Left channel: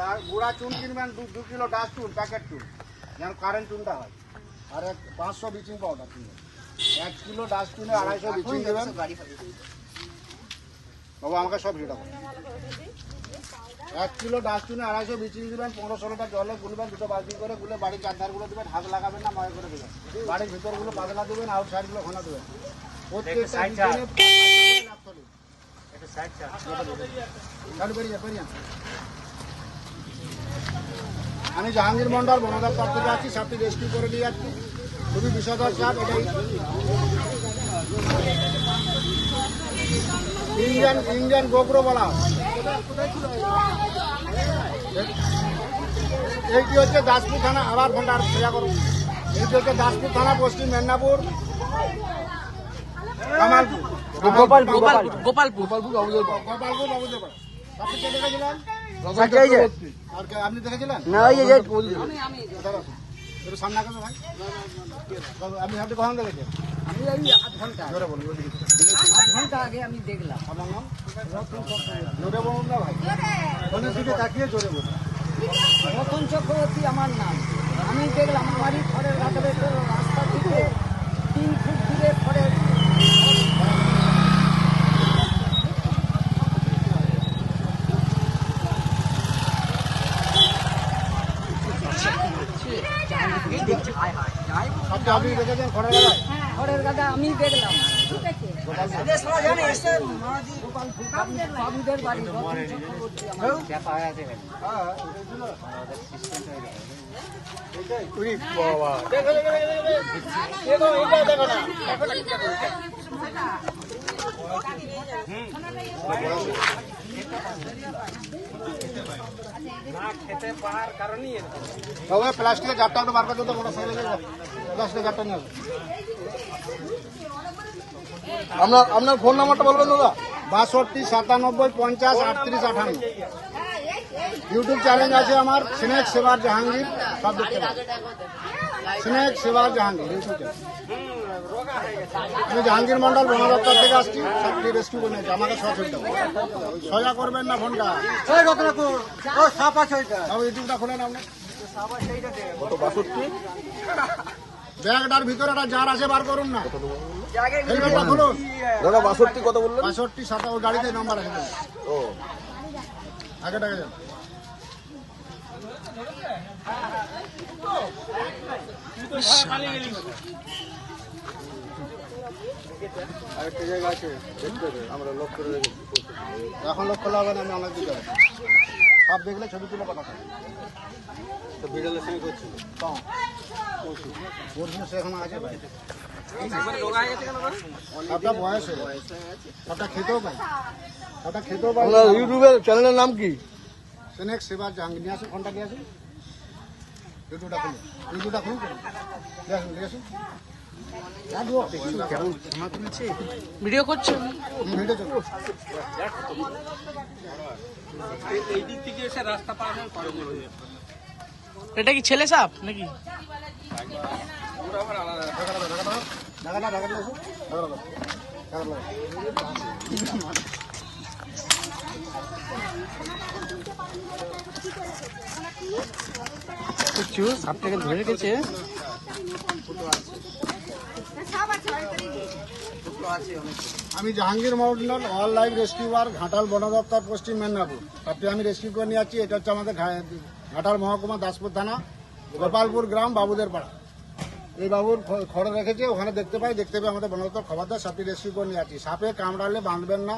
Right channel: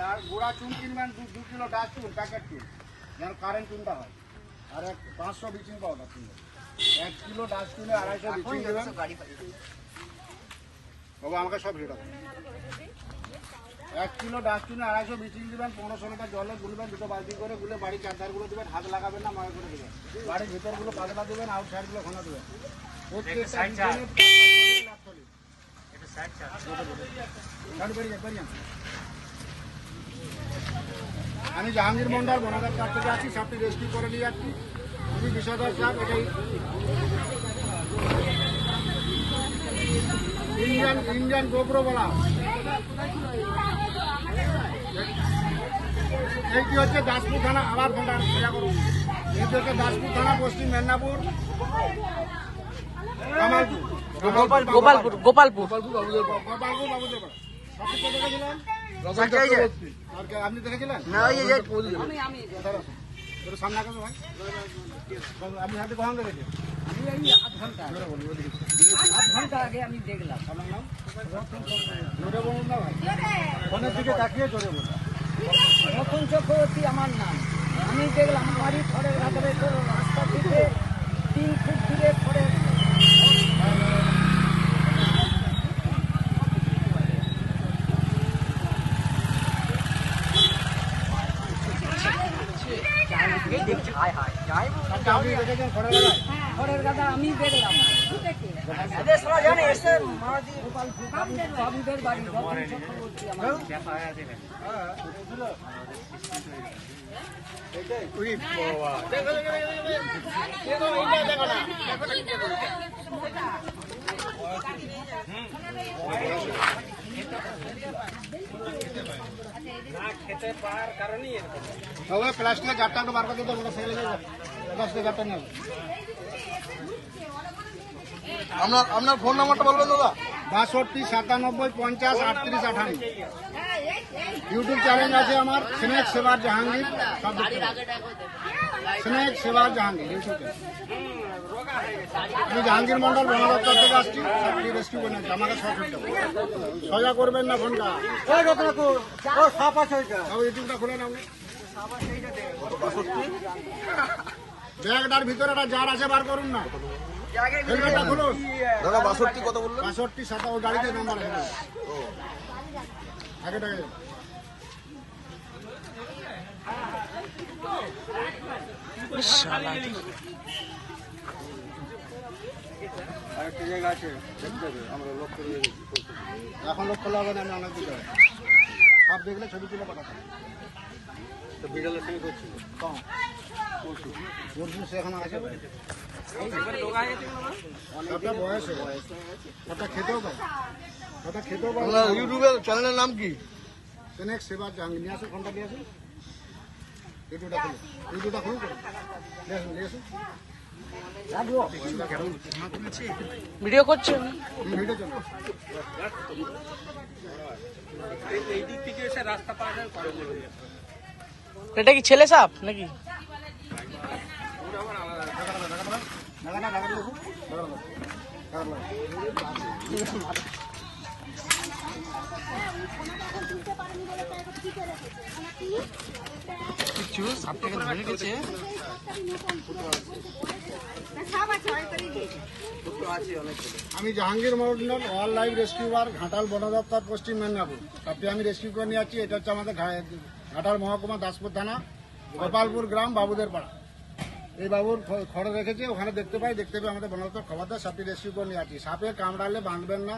ডা- গুঁড়া চুন কিনবেন দু দু কিলো ডাস চুন প্যাকেট চুন। যেন কারেন্ট চুনটা হয়। আর এক পাঁচশো ব্লিচিং পাউডার কিনবেন এক কিলো ডাস চুনে আড়াইশো ব্লিচিং দেবেন। বাবু আমাকে সব দেবো এক কিলো ডাস চুনে আড়াইশো ব্লিচিং দিবেন পনেরো ষোলোটা জলে গুলবেন দুটো বালতি করে গুলে বাড়ির চারধারগুলো দেবেন হাত লাগাবেন না মনে করে দেবেন। বাড়ির ভিতরগুলো পাতলা দেবেন আউট সাইডগুলো ঘন দেবেন। প্রত্যেকটা আমি জাহাঙ্গীর মন্ডল বনদপ্তর পার্ক থেকে আছি সাপটি রেস্কিউ করে নিয়ে যাচ্ছি। খুবই বিষয়কর চাপ এটাই। ইঞ্জান ইঞ্জান গোপ্রো বলা। এইটি হচ্ছে দাসপুর থানা আবার আর ক্রিয়া করুন এইটি হচ্ছে দাসপুর থানা পশ্চিম মেদিনীপুর। কামালপুর গোপাল গোপালপুর গোপালপুর। গোপালপুর বাবুদের পাড়া আপনি দেখেছিলেন আমি এই আধ ঘণ্টা ঘণ্টা আগে আমি দেখলাম ভাই তাকিয়ে আমার নাম আমি দেখলাম, আমারই ঘরের রাখবে রাস্তা থেকে তিন ফুট দূরে ঘরের আপনি আপনি দেখেছেন খড়ের গাদা। আমি দেখলাম। গোপালপুর তবে প্লাস্টিকের গাড়টা একটু বার করে দিতে বড় সাইজে প্লাস্টিকের গাড়টা নিয়ে। আপনার আপনার ফোন নাম্বারটা বলবেন দাদা? বাষট্টি সাতানব্বই পঞ্চাশ আটত্রিশ আঠান্ন ইউটিউব চ্যানেল আছে আমার স্নেক সেবার জাহাঙ্গীর সব দেখতে স্নেক সেবা জাহাঙ্গীর আমি জাহাঙ্গীর মন্ডল বন দপ্তর থেকে আসছি সবটি রেস্কিউ করে নিয়েছি আমাকে সচেতন সজা করবেন না ফোনটা? সাপ আছে ওইটা। ইউটিউবটা খুলে নাও। ব্যাগটার ভিতরে একটা জার আছে বার করুন না। হেলমেটটা খুলুন। দাদা বাষট্টি কত বললেন? বাষট্টি গাড়িতে নাম্বার আছে আগে টাকা আরেকটা জায়গা আছে দেখতে আমরা লক করে রেখেছি এখন লক্ষ্য লাগবে না আমি অনেক হবে সব দেখলে ছবি তুলে পাঠাতে হবে তো বিড়ালের সঙ্গে করছিল কম পরশু পরশু সে এখন আছে ভাই বয়স হয়ে। খেতেও খেতেও ইউটিউবের চ্যানেলের নাম কি? সেনেক সেবা জাহাঙ্গীর নিয়ে আসুন ফোনটা নিয়ে আসুন ইউটিউবটা খুলুন খুলুন নিয়ে আসুন নিয়ে আসুন রাখব ভিডিও করছে এই। এটা কি ছেলে সাপ নাকি ঢাকাটা দাও, ধরে রেখেছে। আমি Jahangir Mondal wild life rescuer Ghatal বন দপ্তর, পশ্চিম মেদিনীপুর। তাতে আমি রেস্কিউ করে নিয়ে যাচ্ছি এটা হচ্ছে আমাদের ঘাটাল মহকুমা, দাসপুর থানা, গোপালপুর গ্রাম বাবুদের পাড়া এই বাবুর খড় রেখেছে, ওখানে দেখতে পাই দেখতে পাই আমাদের বন দপ্তর খবর দেয় সাপটি রেস্কিউ করে নিয়ে যাচ্ছি সাপে কামড়ালে বাঁধবেন না,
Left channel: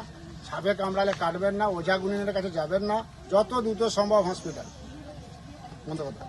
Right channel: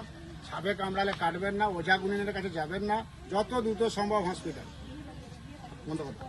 সাপে কামড়ালে কাটবেন না, ওঝা গুণিনের কাছে যাবেন না, যত দ্রুত সম্ভব হসপিটাল মন্দ কথা